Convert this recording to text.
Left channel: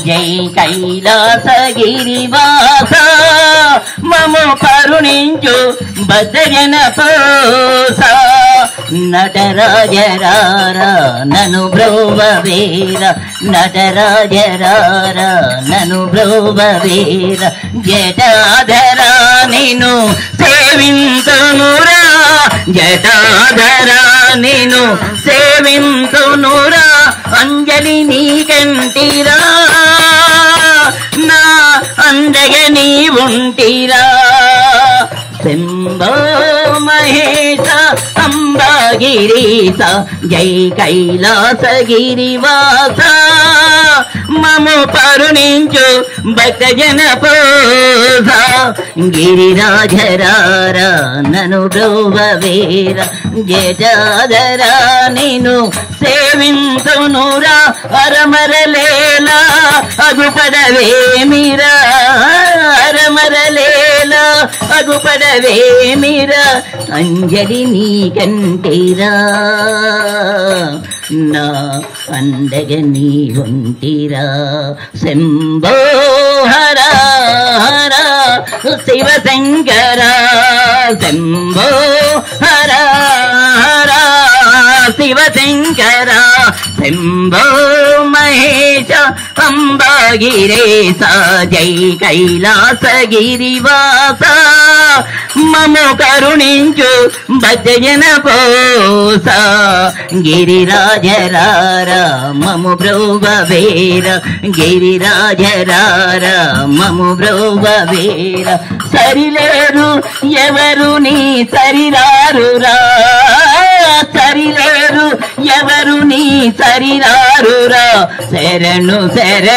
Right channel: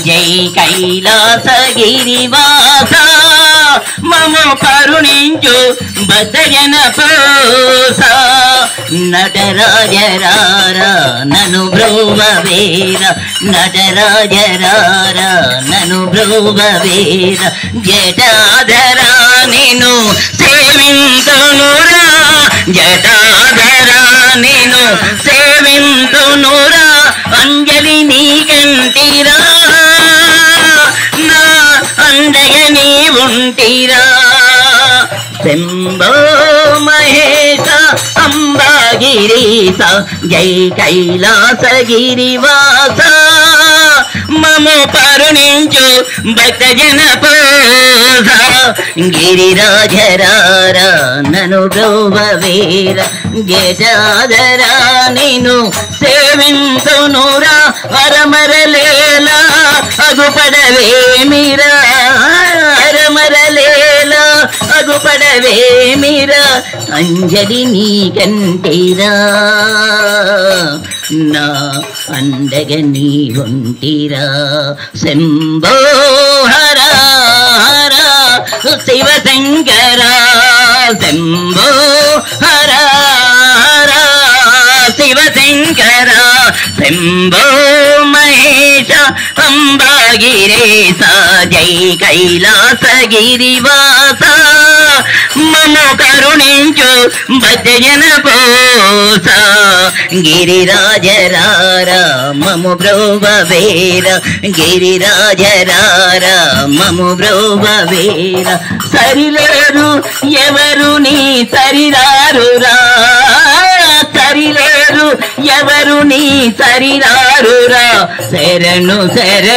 జై కైలాసగిరివాస మము కరుణించు భక్తజన పోస నటరాజరారా నను బ్రోవవేర నటరాజరారా నను బ్రోవవేర జటాధరా నిను సేవింతునురా జటాధరా నిను సేవింతునురా అంజలి నీకంటిరా నా అండగ నీ ఉంటిరా శంభో మహేశ అంబాగిరీశ జై కైలాసగిరివాస మము కరుణించు భక్తజన పోస గిరిరాజరారా నను బ్రోవవేర జటాధరా నిను సేవింతునురా అరమరలేలా అగుపడవేమిరా అరమరలేలా అగుపడవేమిరా అంజలి నీకంటిరా నా అండగ నీ ఉంటిరా శంభో హర హర శివశంకర శంభో హర హర శివశంకర శంభో మహేశ అంబాగిరీశ జై కైలాసగిరివాస మము కరుణించు భక్తజన పోస గిరిరాజరారా మము బ్రోవవేర గిరిరాజరారా మము బ్రోవవేర సరిలేరు ఎవరు నీ సరిరారురా సరిలేరు ఎవరు నీ సరిరారురా శరణు శరణు